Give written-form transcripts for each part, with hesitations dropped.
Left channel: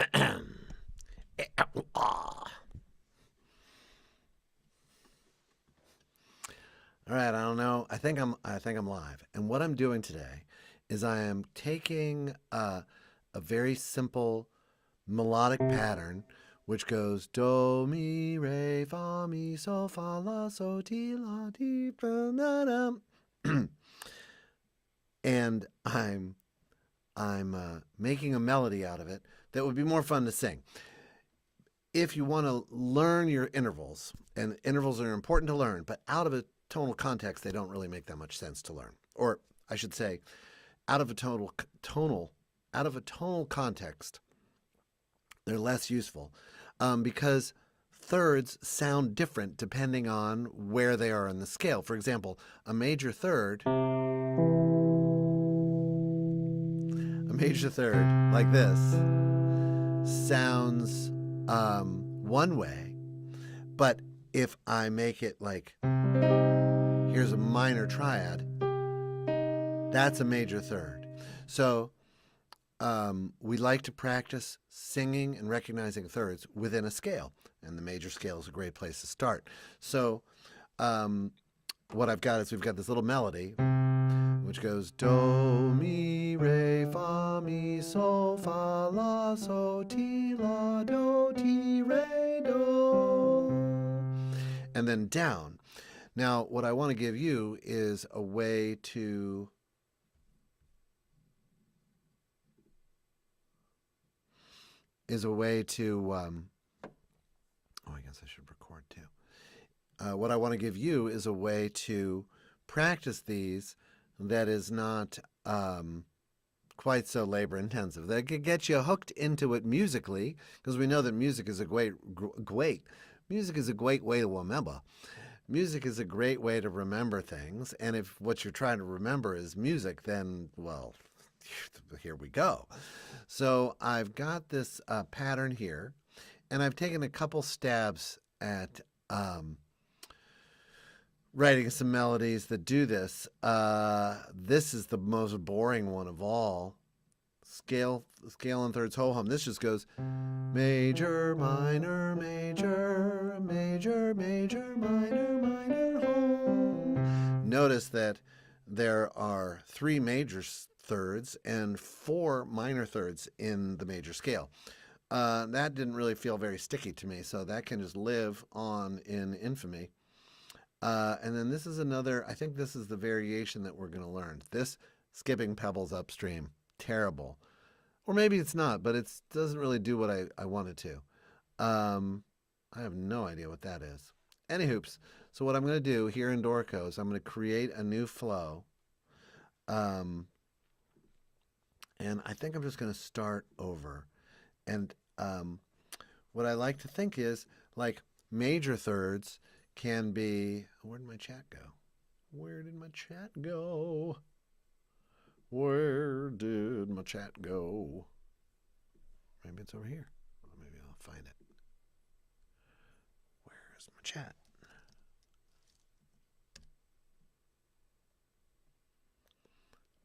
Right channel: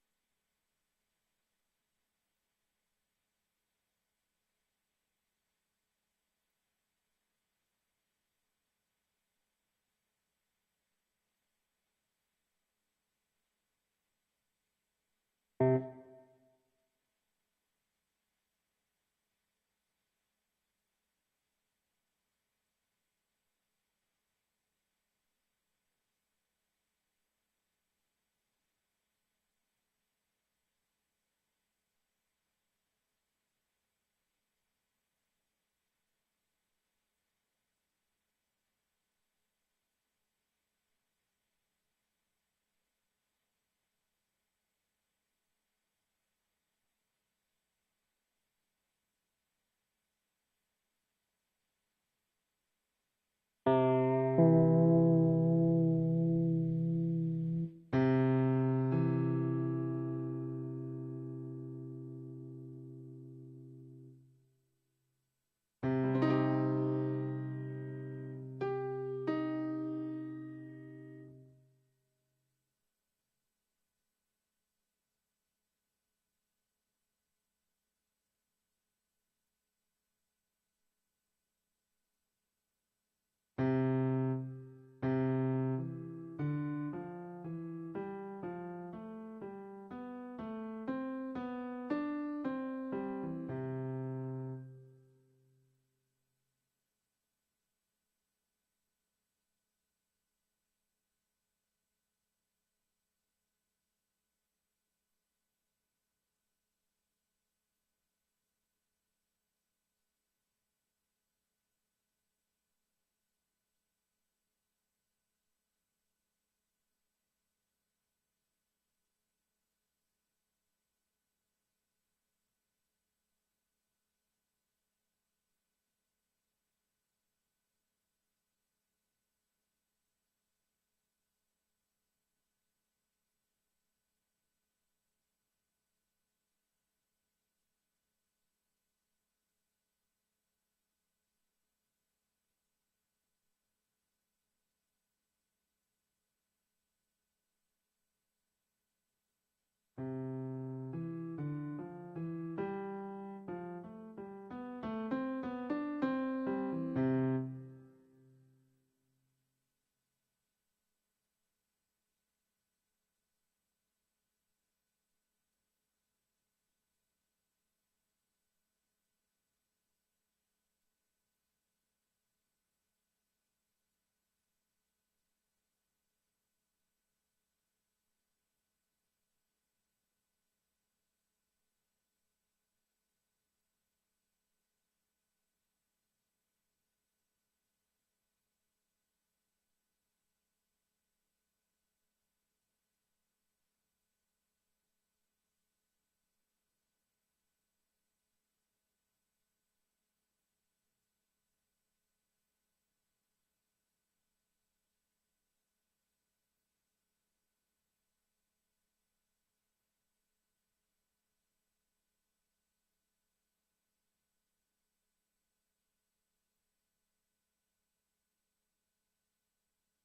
All right, I don't know. I think I'm live. And what I'm doing today is I am taking a very simple melodic pattern which goes do mi re fa mi so fa la so ti la ti fa na dum. And I'm making a melody out of it that would be more fun to sing. If you want to learn your intervals, and intervals are important to learn, but out of a tonal context, they don't really make that much sense to learn. Or I should say, out of a tonal out of a tonal context, they're less useful because thirds sound different depending on where they are in the scale. For example, a major third like this sounds one way, but if I make it like here's a minor triad, that's a major third. So we like to practice singing and recognizing thirds within a scale, and the major scale is a great place to start. So what I've got is we've got this little melody which goes do mi re fa mi so fa la so ti la do ti re do, and then down. Now what I want to give you is a way to oh, I guess I should record too. What I want to give you is a way to practice these that is not quite so labor intensive. That could get you hooked into it musically, because we know that music is a music is a great way to remember. Music is a great way to remember things, and if what you're trying to remember is music, then well, here we go. So I've got this pattern here, and I've taken a couple stabs at writing some melodies that do this. This is the most boring one of all. Scale and thirds ho hum. This just goes major, minor, major, major, major, minor, minor, home. Notice that there are three major thirds and four minor thirds in the major scale. That didn't really feel very sticky to me, so that can just live on in infamy. And then this is another, I think this is the variation that we're going to learn. This skipping pebbles upstream, terrible. Or maybe it's not, but it doesn't really do what I want it to. I have no idea what that is. Any hoops. So what I'm going to do here in Dorco is I'm going to create a new flow. And I think I'm just going to start over. And what I like to think is like major thirds can be, where did my chat go? Where did my chat go? Where did my chat go? Maybe it's over here. Maybe I'll find it. Where's my chat?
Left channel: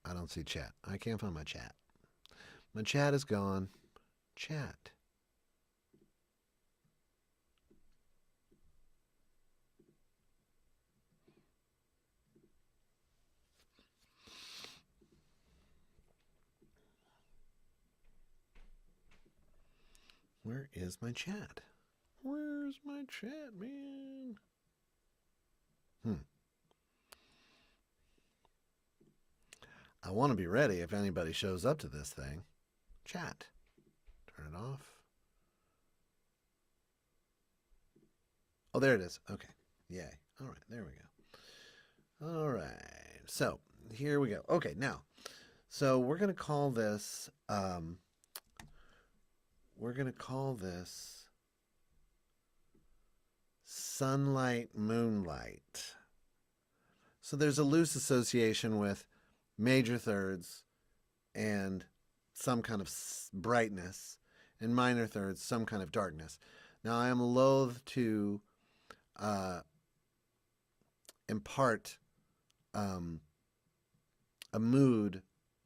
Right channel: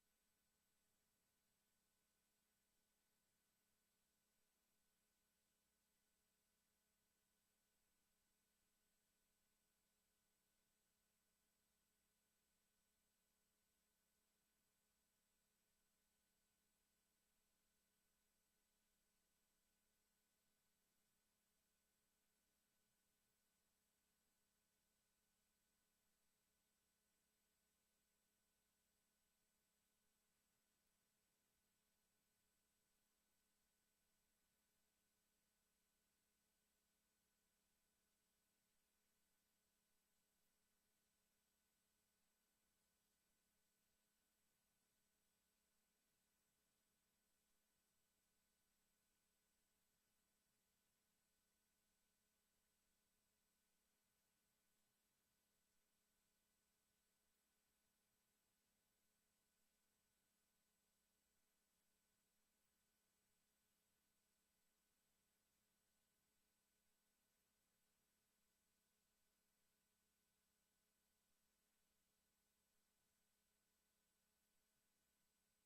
I don't see chat. I can't find my chat. My chat is gone. Chat. Where is my chat? Where's my chat, man? I want to be ready if anybody shows up to this thing. Chat. Turn it off. Oh, there it is. Okay. Yay. All right. There we go. All right. So here we go. Okay. Now, so we're going to call this, sunlight, moonlight. So there's a loose association with major thirds and some kind of brightness, and minor thirds, some kind of darkness. Now, I am loath to impart a mood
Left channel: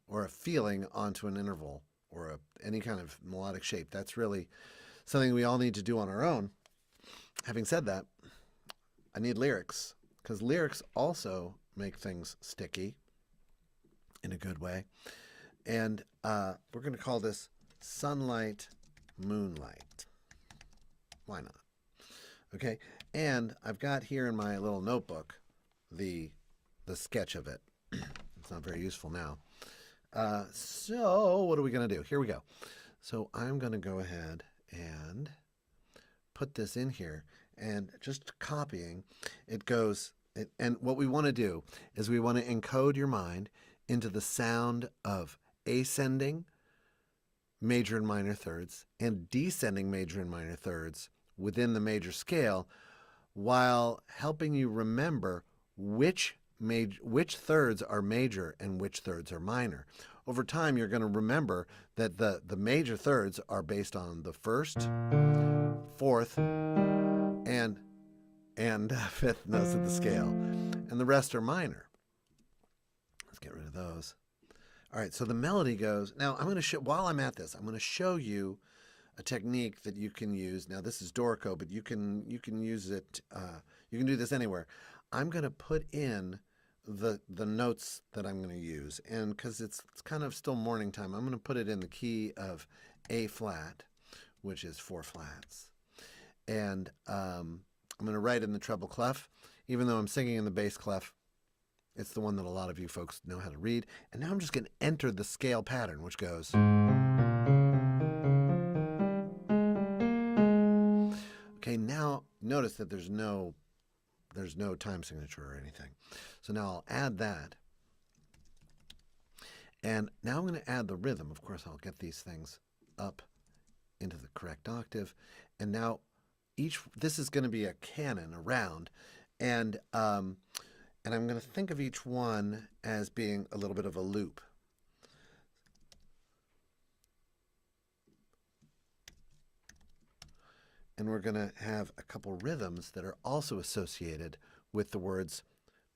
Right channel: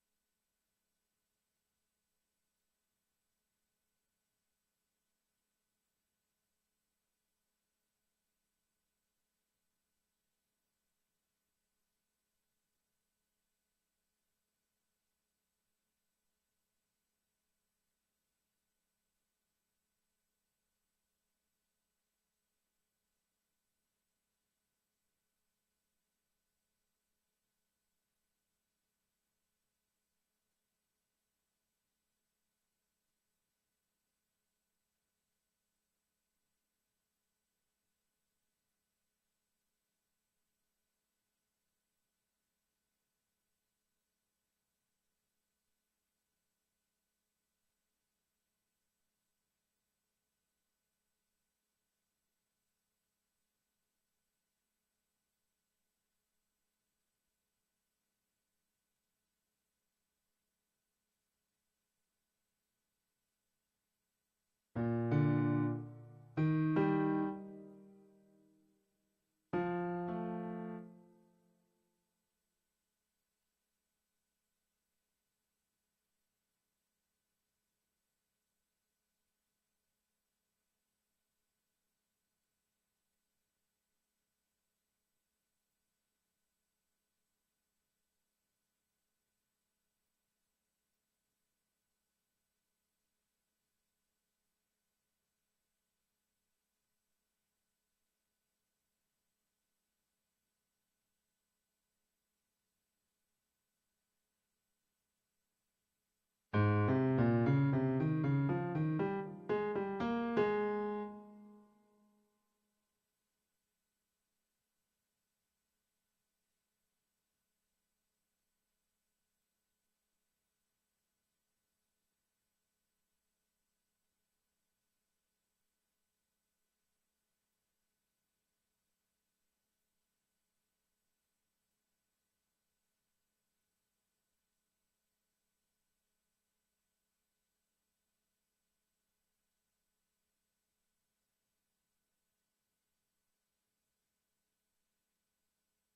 or a feeling onto an interval or any kind of melodic shape. That's really something we all need to do on our own. Having said that, I need lyrics, because lyrics also make things sticky in a good way. And we're going to call this Sunlight, Moonlight. Why not? Okay, and I've got here in my little notebook the sketch of it. It's not very useful now. So what are we going to do? Here we go. So I'm going to go ahead and put this in here, and just copying, it goes, and what we want to do is we want to encode your mind into the sound of ascending major and minor thirds and descending major and minor thirds within the major scale, while helping you remember which thirds are major and which thirds are minor. Over time, you're going to remember that the major thirds are based on the first, fourth, and fifth notes of the scale, and the rest are minor. Let's get rid of those. All right, so the melody goes. Now I'm going to show, while I'm at this, I'm going to show you a technique that you can use. Now this is Dorico, but you can use it. You can do this anywhere. I'm going to put in the notes that I'm going to use, and because it's kind of still morning time, I'm going to put it in the key of A flat, which is 4 flats, and I'm going to write in the treble clef, even though I'm singing in the bass clef. It's the one that a lot of you folks know how to read. And now I'm just going to enter the scale pattern, which goes. Okay, now notice that there's no time signature or anything. So now I'll add that. And now I'm going to add the rhythm. Of course, I'll get these things up into the correct octave. And now this is going to be a canon, a round. And I'm going to think of each one as being a little bit of a loop. And we're going to have a couple rhythms that are also associated with the words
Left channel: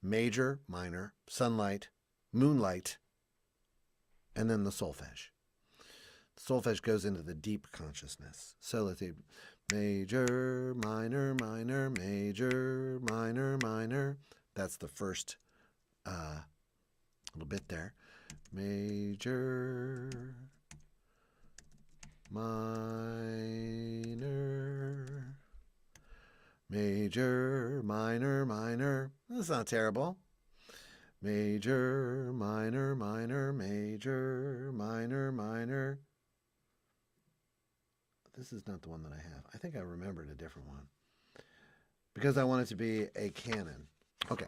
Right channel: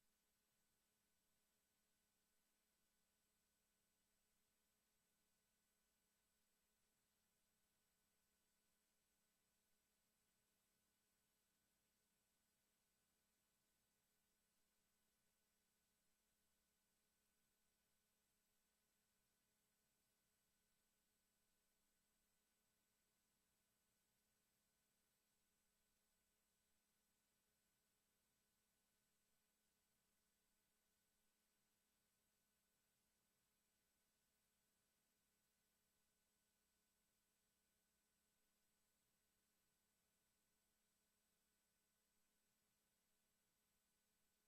major, minor, sunlight, moonlight, and then the solfege. The solfege goes into the deep consciousness. So let's see. Major, minor, minor, major, minor, minor. That's the first little bit there. Major, minor, major, minor, minor. That's not terrible. Major, minor, minor, major, minor, minor. This is not the one that I have. I think I remembered a different one, because I want it to be a canon. Okay,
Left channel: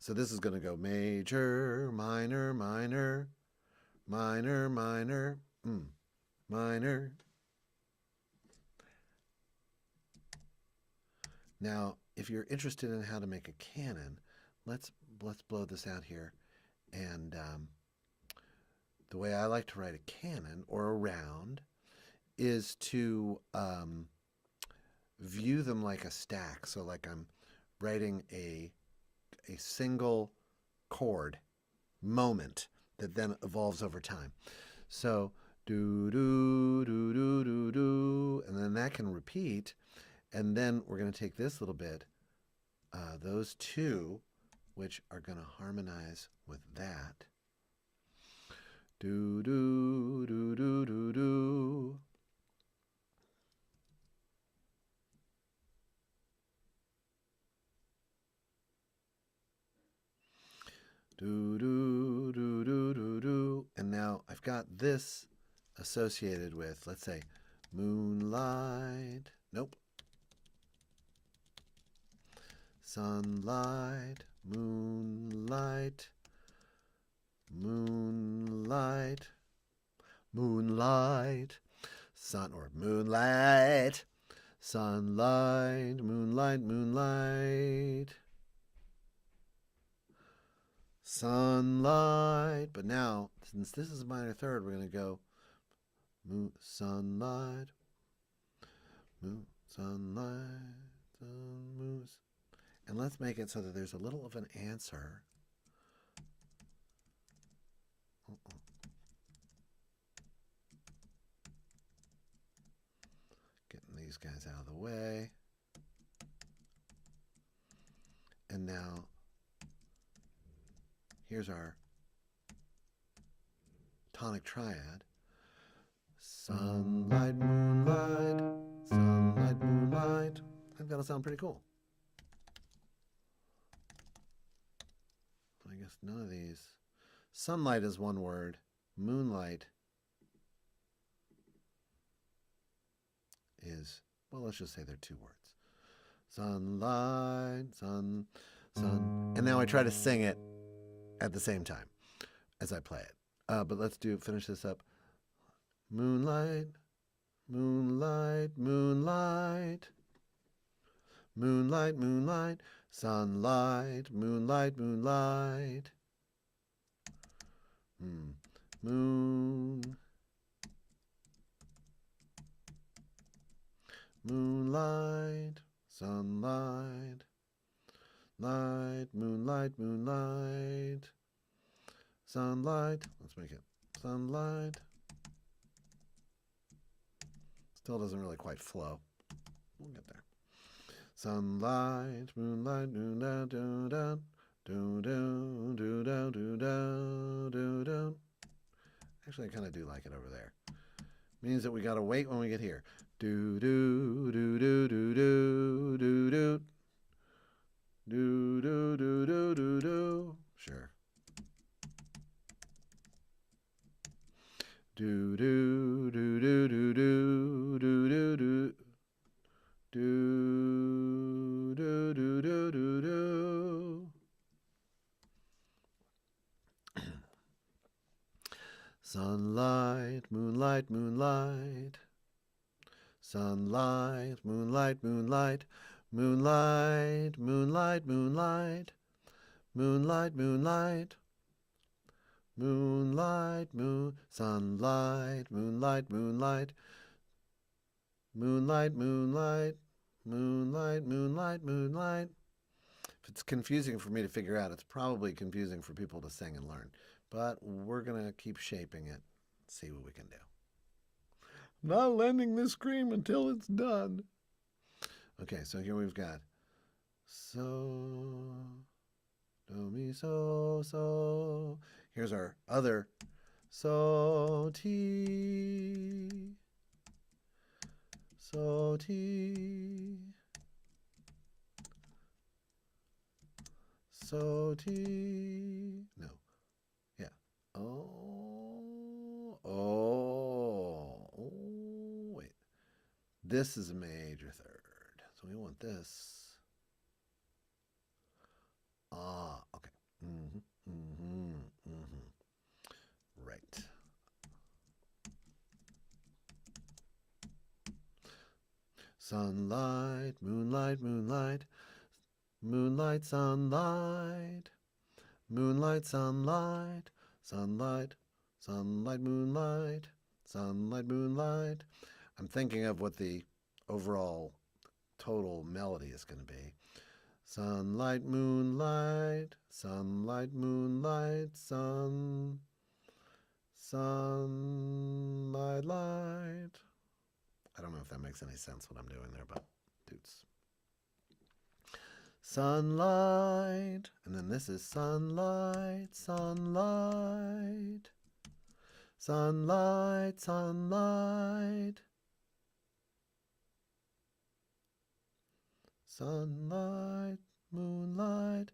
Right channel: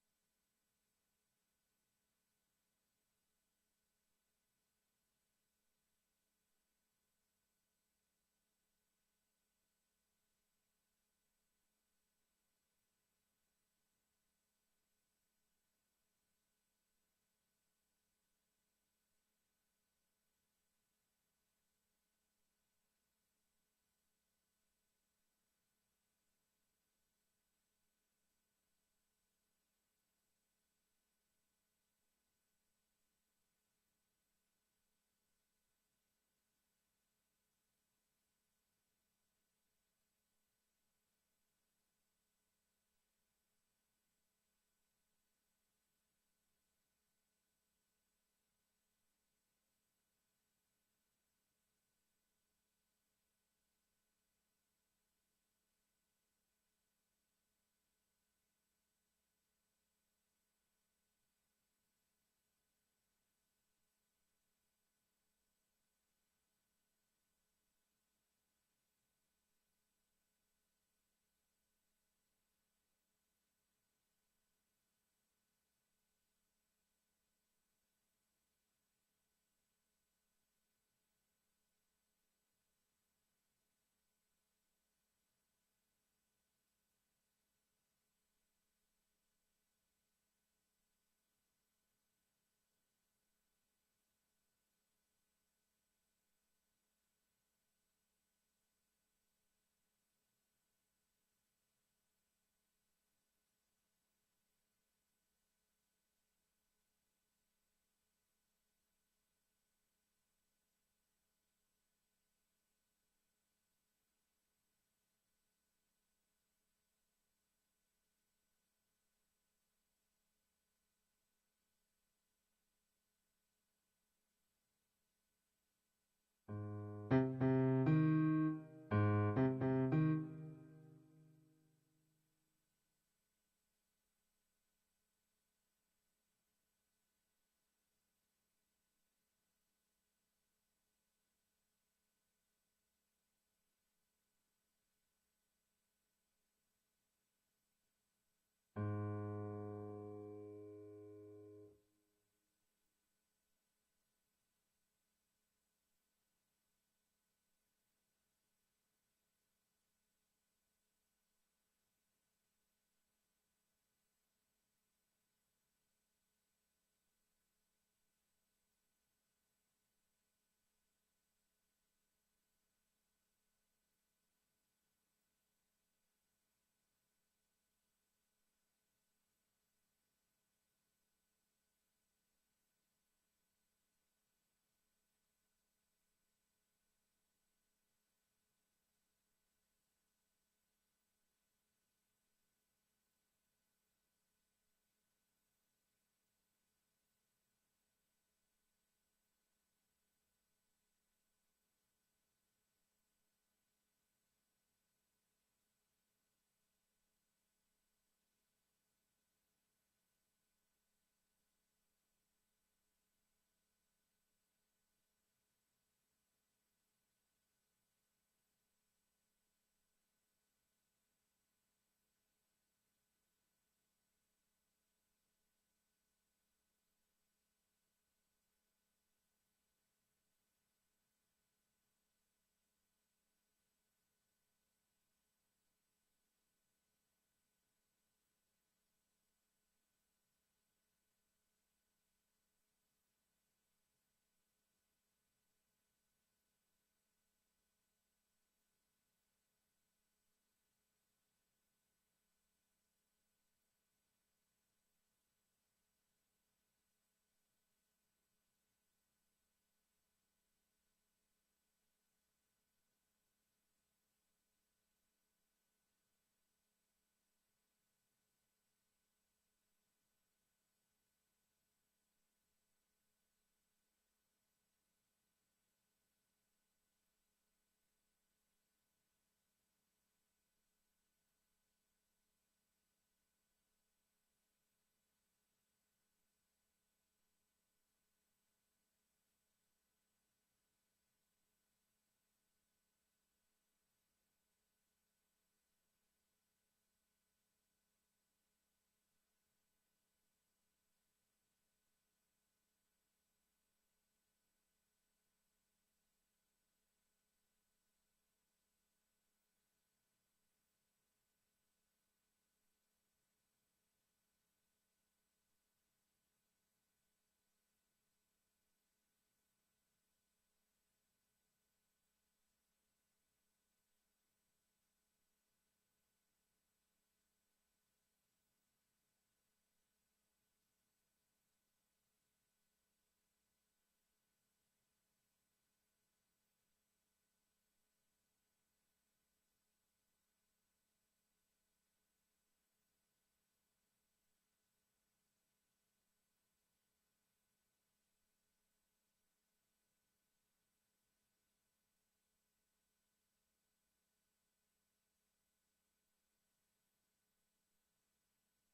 so this is going to go major, minor, minor, minor, minor, minor. Now, if you're interested in how to make a canon, let's blow this out here. And the way I like to write a canon or a round is to view them like a stack. So like I'm writing a single chord moment that then evolves over time. So do do do do do do, and then that can repeat, and then we're going to take this little bit, those two, which are going to harmonize with that. Do do do do do do. Do, do, do, do, do, do. And now I've got this associated with, let's say, moonlight. Nope. Sunlight, moonlight, moonlight, moonlight, sun or moonlight, sunlight, moonlight, moonlight. Sunlight, but now, since this is a minor third, we're going to go sunlight, sunlight, moon, and let's make it so that there's a little of an answer. these guys out of the way. And now, here's our tonic triad. Sunlight, moonlight, sunlight, moonlight. I've got to sound pretty cool. I guess none of these. Sunlight is one word. Moonlight is, well, let's just say they're two words. Sunlight, sun, sun. And now I try to sing it at the same time as I play it. But let's finish this up. Moonlight, moonlight, moonlight. Moonlight, moonlight, sunlight, moonlight, moonlight. Moon, moonlight, sunlight, light, moonlight, moonlight, sunlight. Let's make it sunlight. Still doesn't really quite flow. We'll get there. Sunlight, moonlight, moonlight, do do do do do do do do do. Actually, I kind of do like it over there. Means that we gotta wait when we get here. Do do do do do do do do do do do do do do. Sure. Do do do do do do do do do. Do do do do do do. Sunlight, moonlight, moonlight. Sunlight, moonlight, moonlight. Moonlight, moonlight, moonlight. Moonlight, moonlight. Moonlight, moon, sunlight, moonlight, moonlight. Moonlight, moonlight, moonlight, moonlight, moonlight. If it's confusing for me to figure out, it's probably confusing for people to sing and learn. But we're going to keep shaping it, see what we can do. Not landing this scream until it's done. Okay, so here we've got so, do, mi, so, so. Here's our other so, ti. So, ti. So, ti. No. Yeah. Oh, wait. This is a major third. So we want this. Okay. Right. Sunlight, moonlight, moonlight. Moonlight, sunlight. Moonlight, sunlight. Sunlight, sunlight, moonlight. Sunlight, moonlight. I'm thinking of what the overall total melody is going to be. Sunlight, moonlight. Sunlight, moonlight. Sunlight, light. I don't know if that makes any sense what I'm doing there, but toots. Sunlight, and then this is sunlight, sunlight, sunlight, sunlight, sunlight, moonlight,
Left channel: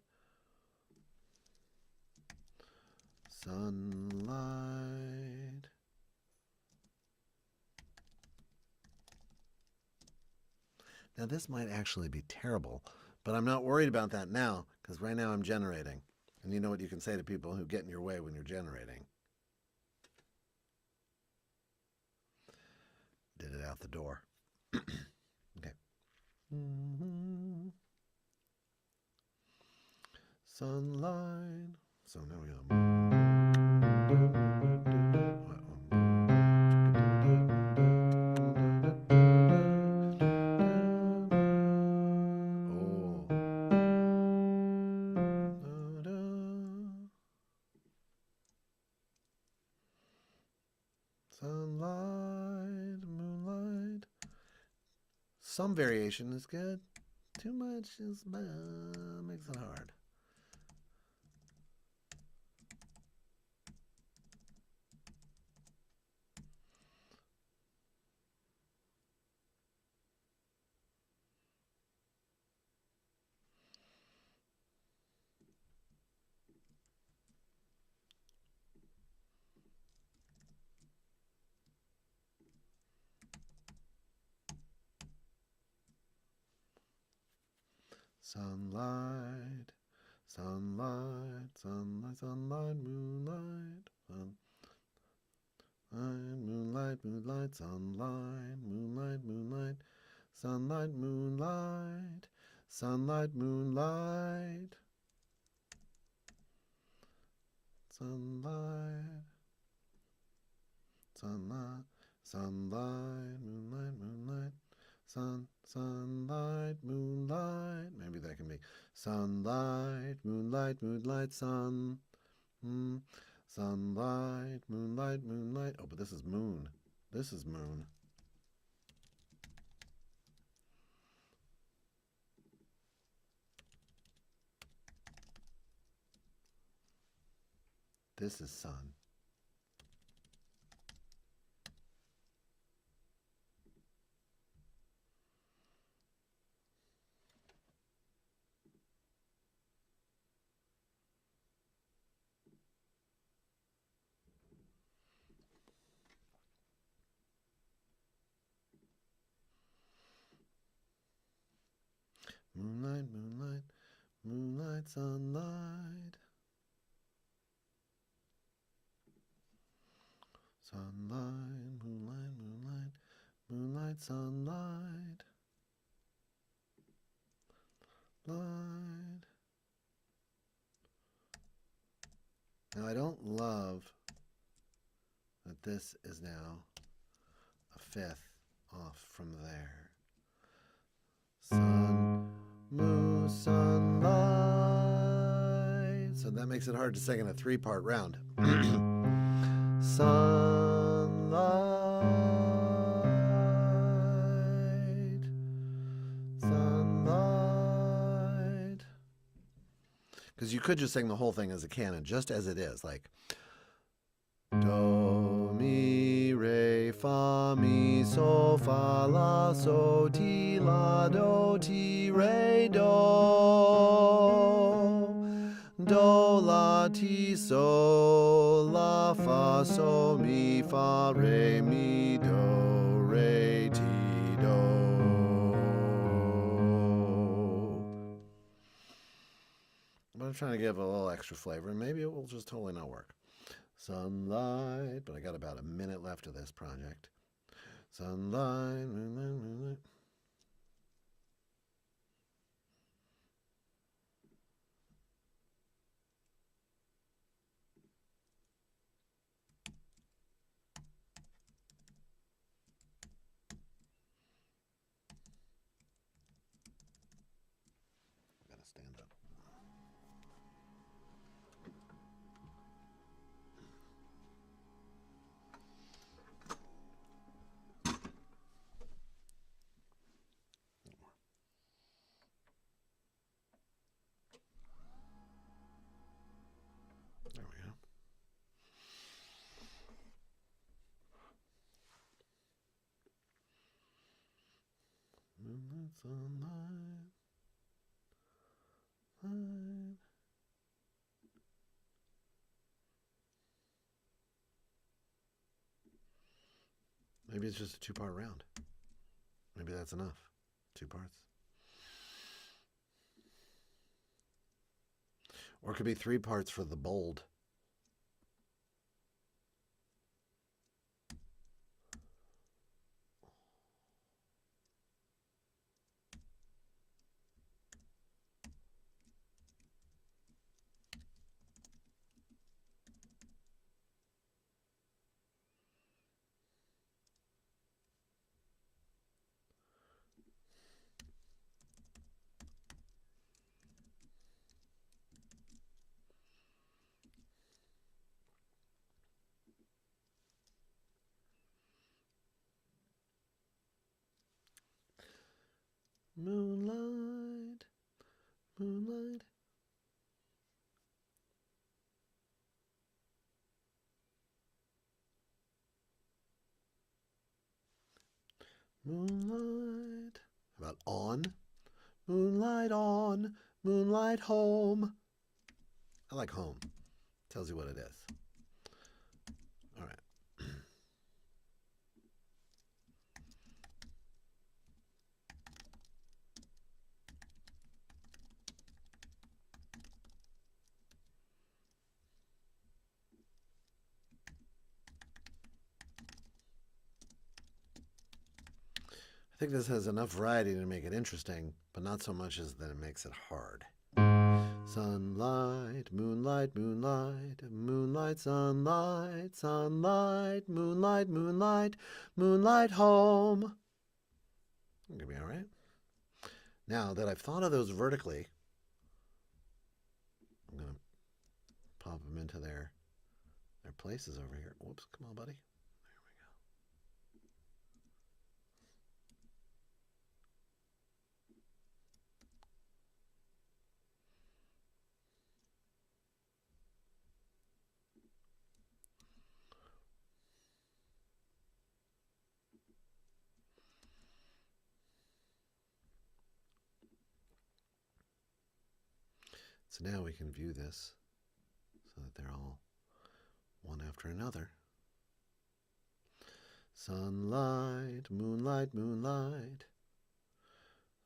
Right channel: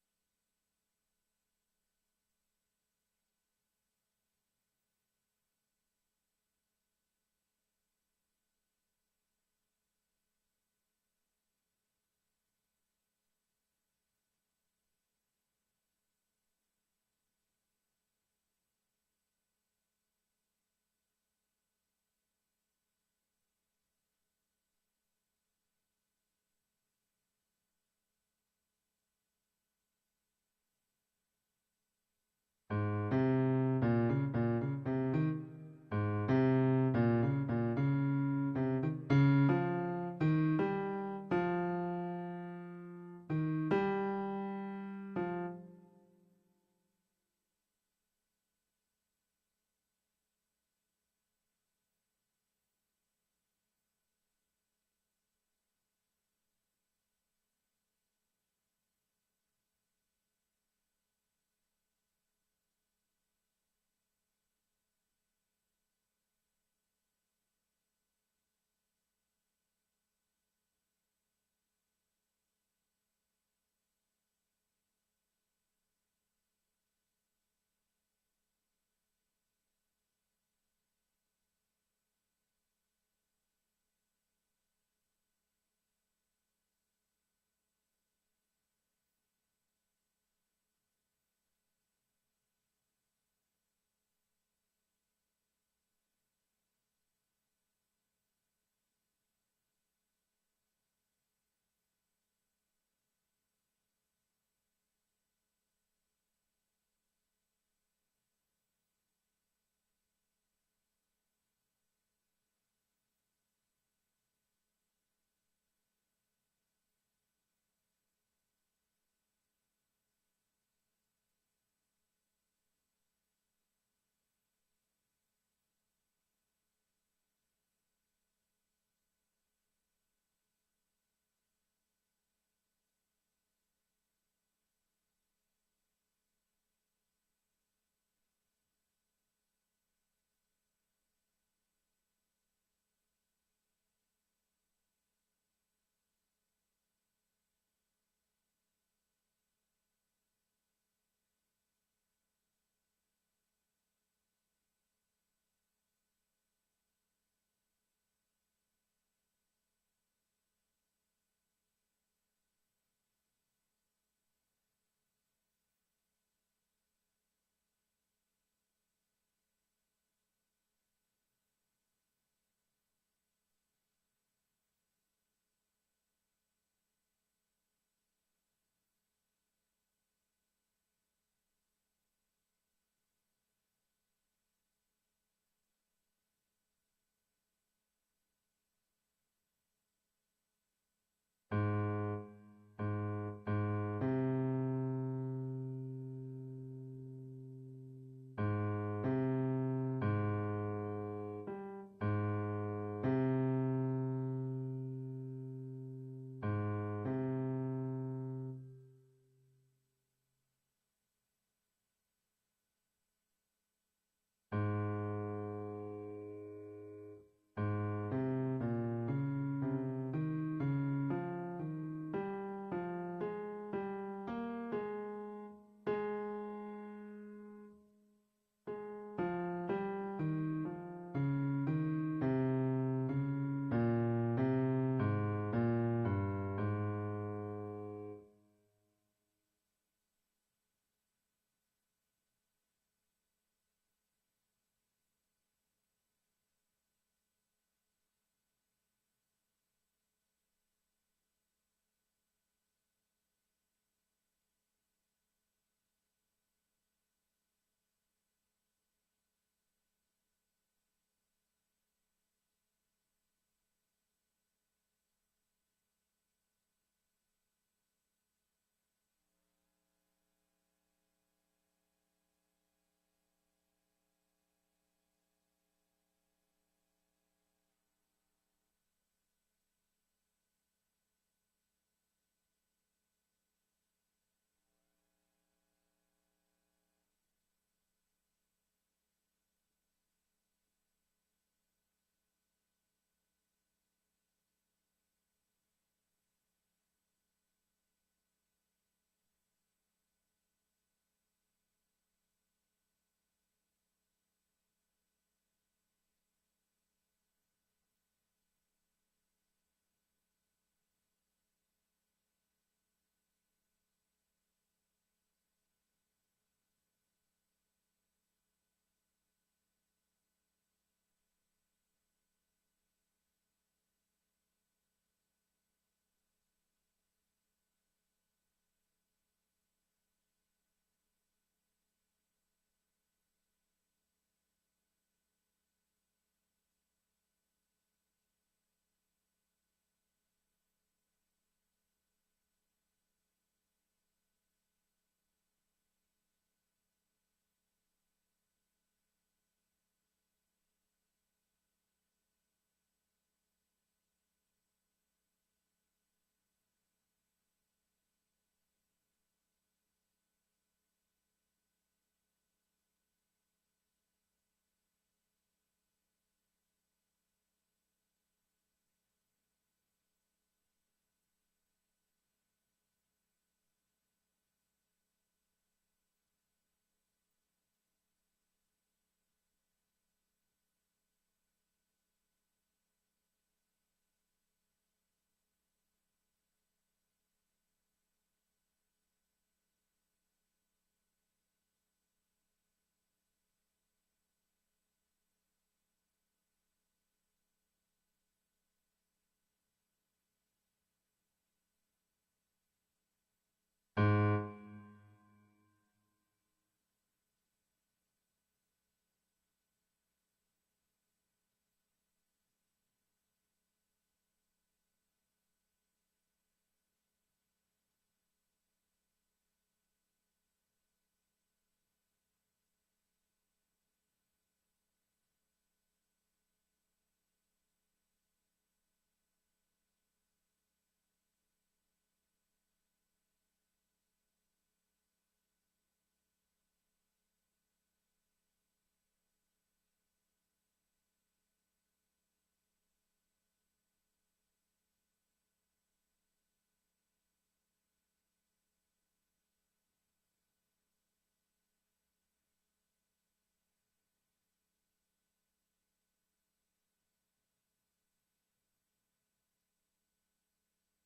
sunlight. Now this might actually be terrible, but I'm not worried about that now, because right now I'm generating. And you know what you can say to people who get in your way when you're generating. Did it out the door. Okay. Sunlight. So now we go. Sunlight, moonlight. Some variation is good. Too much is makes it hard. Sunlight, sunlight, sunlight, sunlight, moonlight, moonlight, moonlight, sunlight, moonlight, moonlight, sunlight, moonlight, sunlight, moonlight, sunlight, sunlight, sunlight, moonlight, moonlight, sunlight, moonlight. Maybe that can be sunlight, moonlight, moonlight, sun. Sunlight, moonlight, moonlight. Oh, but this is moon. This is moon. This is sun. Moonlight, moonlight, moonlight, sunlight. Sunlight, moonlight, moonlight, moonlight, sunlight. Light. Now I don't love that this is now a fifth off from there. Sun, moon, sunlight. So that makes it hard to sing in a 3-part round. Sunlight, sunlight. Because you could just sing the whole thing as a canon, just as it is, like do, mi, re, fa, mi, so, fa, la, so, ti, la, do, ti, re, do, la, ti, so, la, fa, so, mi, fa, re, mi, do, re, ti, do. But I'm trying to give a little extra flavor, and maybe it will just totally not work. Sunlight, but I got about a minute left of this project. Sunlight, moonlight, moonlight. Gotta stand up. There we go. Moonlight, sunlight, light. Maybe it's just a 2-part round. Maybe that's enough. 2 parts. Or it could be 3 parts for the bold. Moonlight, moonlight. Moonlight. How about on? Moonlight on, moonlight home. I like home. Tells you what it is. All right. I think this has enough variety to make it interesting, but not so much as that it makes it hard. Sunlight, moonlight, moonlight, moonlight, sunlight, sunlight, moonlight, moonlight, moonlight home. Gonna be all right. Now that I've thought of those vertically, I'm gonna pop them into their places over here. Whoops, come on, buddy. So now we can view this so that they're all one after another. Sunlight, moonlight, moonlight.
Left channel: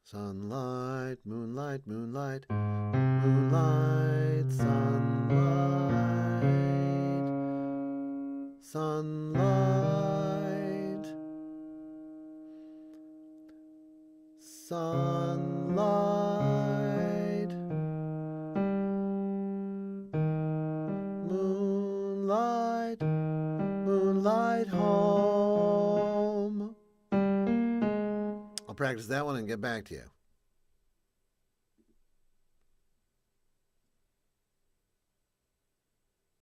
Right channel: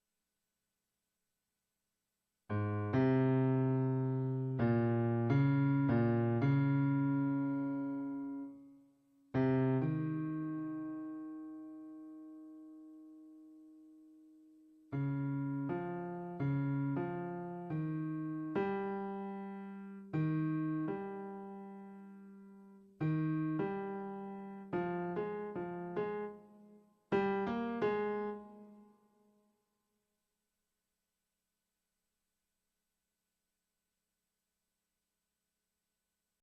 Sunlight, moonlight, moonlight. Moonlight, sunlight. Sunlight. Sunlight. Moonlight, moonlight home. I'll practice that one and get back to you.